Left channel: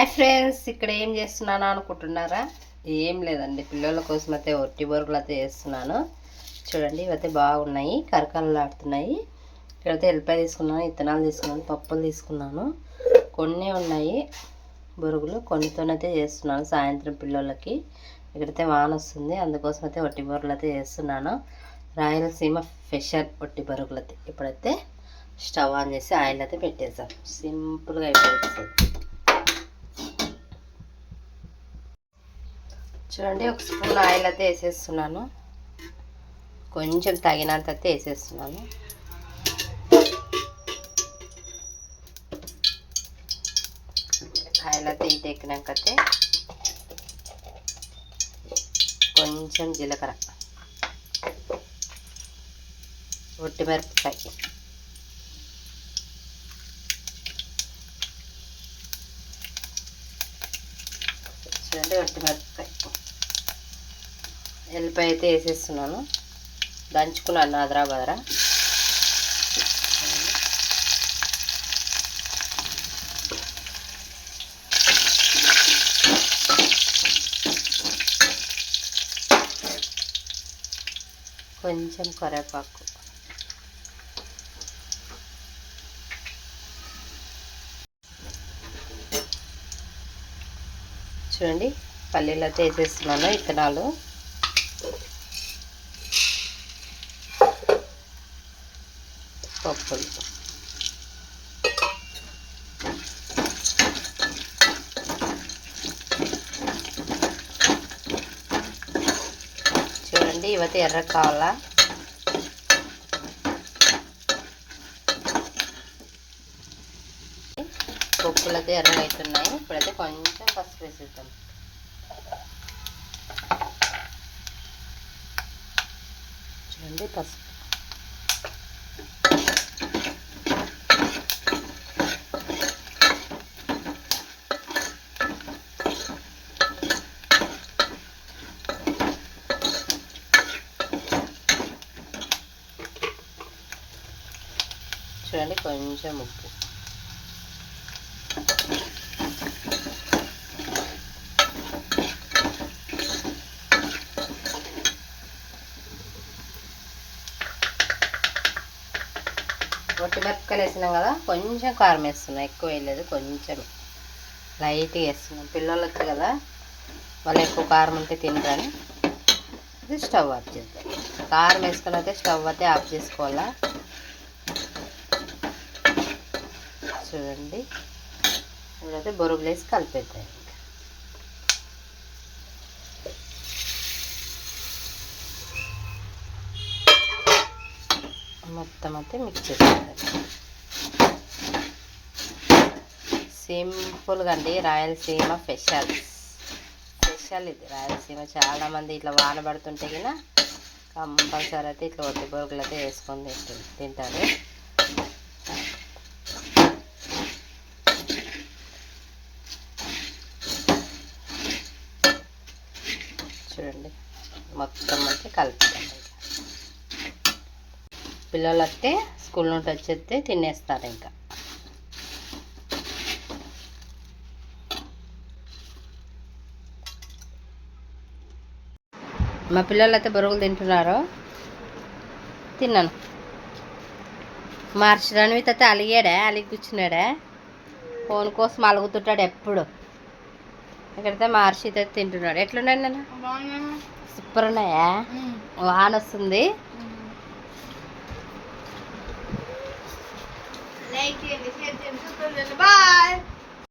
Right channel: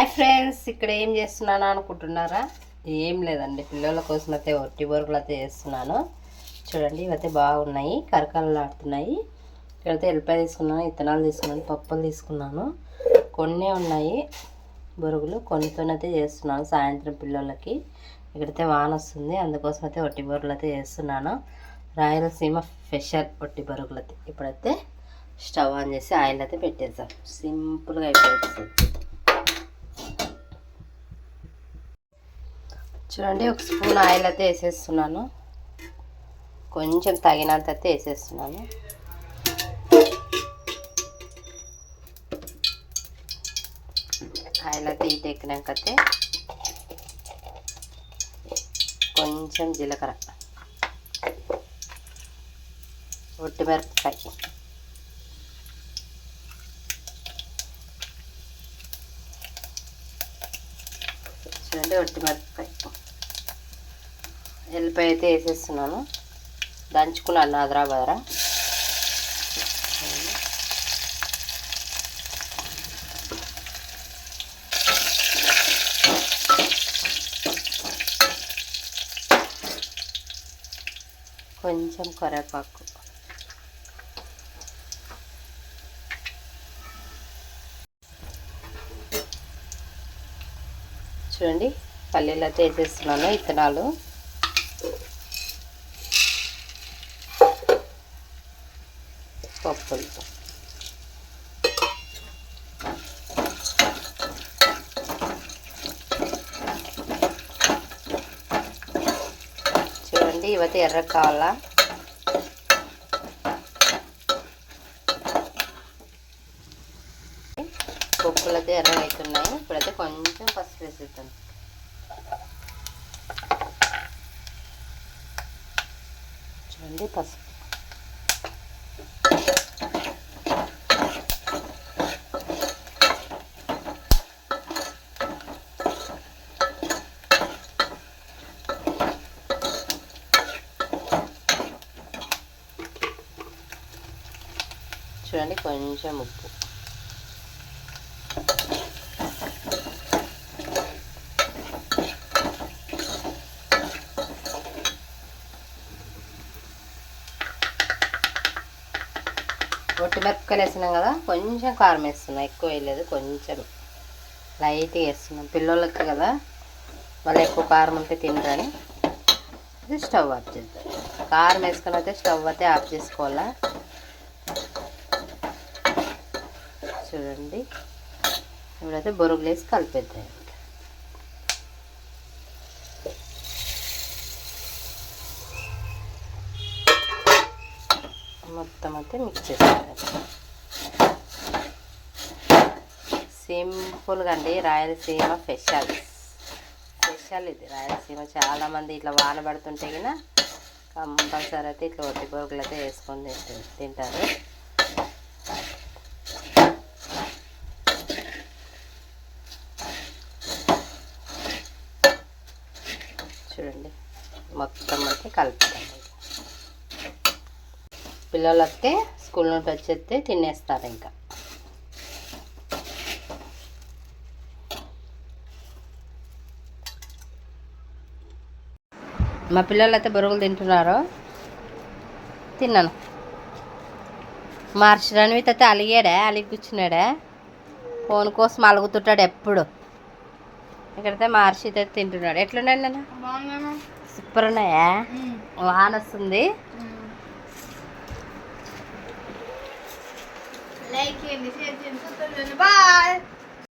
Hi friends, ఇక్కడ ఏం చేస్తున్నాను అనుకుంటున్నారా? ఏం లేదండి, పిల్లల కోసం అయితే ఒట్టి బొరుగులు అయితే చేస్తున్నాను. చూడండి, ఇవైతే బాగున్నాయి, కరకరలాడుతున్నాయి. ఇక్కడైతే ఎల్లిపాయ తీసుకున్నాను, ఇత్తనాలు తీసుకున్నాను, పప్పులు తీసుకున్నాను. కొన్ని ఉన్నాయి బొరుగులు, కొన్నితోనైతే చేస్తున్నాను సాయంత్రం పిల్లలకి. ఇక్కడైతే వాన వస్తుంది, అందుకోసం అయితే ఒట్టి బొరుగులు అయితే చేస్తున్నాను. రాయలసీమ స్పెషల్ ఒట్టి బొరుగులు అయితే. ఇప్పుడైతే స్టవ్ ఆన్ చేసి ఆయిల్ అయితే పెట్టేసాం. సింపుల్గా అయిపోతుంది. చూడండి, ఒక స్పూన్ ఆయిల్ అయితే వేసేస్తున్నాను. కొంచెం తగినంత అయితే వేసేస్తున్నాను. ఆయిల్ అయితే హీట్ ఎక్కినాకైతే కొంచెం జీలకర్ర, ఒట్టిమిరపకాయ, చూడండి ఒట్టిమిరపకాయ, ఎల్లిపాయ అయితే వేసేస్తున్నాను. దంచుకున్నాను అదరా బదరా. కొంచెం కరివేపాకు, చూడండి పల్లీలు అయితే వేసేస్తున్నాను, ఇత్తనాలు, పప్పులు, చూడండి ఇవైతే ఎర్ర కావాలా. పప్పులు అయితే ఎర్రగా అవుతున్నాయి. ఇప్పుడైతే కొంచెం పసుపు వేసేద్దాం. చూడండి పసుపు, చూడండి కొంచెం ఉప్పు, ఒట్టిమిరపకాయలు వేసినాం కదా, కొంచెం కారం వేస్తున్నాం, ఎక్కువ వేయలేదు, కొంచెం లైట్గా వేస్తున్నాం. పిల్లలకి కదా వాళ్ళు ఎక్కువ కారం ఉంటే తినరని ఇది స్టవ్ ఆఫ్ చేద్దాం. కారం వేసుకొని అయితే స్టవ్ అయితే ఆఫ్ చేసుకోవాలా. చూడండి ఇప్పుడైతే బొరుగులు వేసి కలిపేద్దాం. మొత్తం అయితే మిక్స్ చేసేద్దాం. సింపుల్గా అండి, రాయలసీమ స్పెషల్ ఇది. రాయలసీమ చాలామంది ఇట్లా వాన పడుతుంటే కన్నా కంపల్సరీ అయితే ఇట్లా ఒట్టి బొరుగులు అయితే వేసుకొని తింటారు. చూడండి మొత్తం అయితే కలుపుతాం. పిల్లలు వస్తే స్కూల్ నుండి వచ్చేస్తే తినేస్తారు. ఇంకా మా పిల్లలు అయితే బొరుగులు తింటున్నారు. తిన్నాను. మార్చి రణవిత్ అయితే అలిగి కూర్చున్నాడా, ఫోన్ కోసం అలుగుతుంటాడు ఎప్పుడు. ఇక్కడైతే మార్చి అయితే తింటున్నాడు. ఎట్లున్నాడు నాన్న? సూపర్ ఉన్నాయా? వాన వస్తుంది. లైక్ చేయండి, షేర్ చేయండి, బాయ్.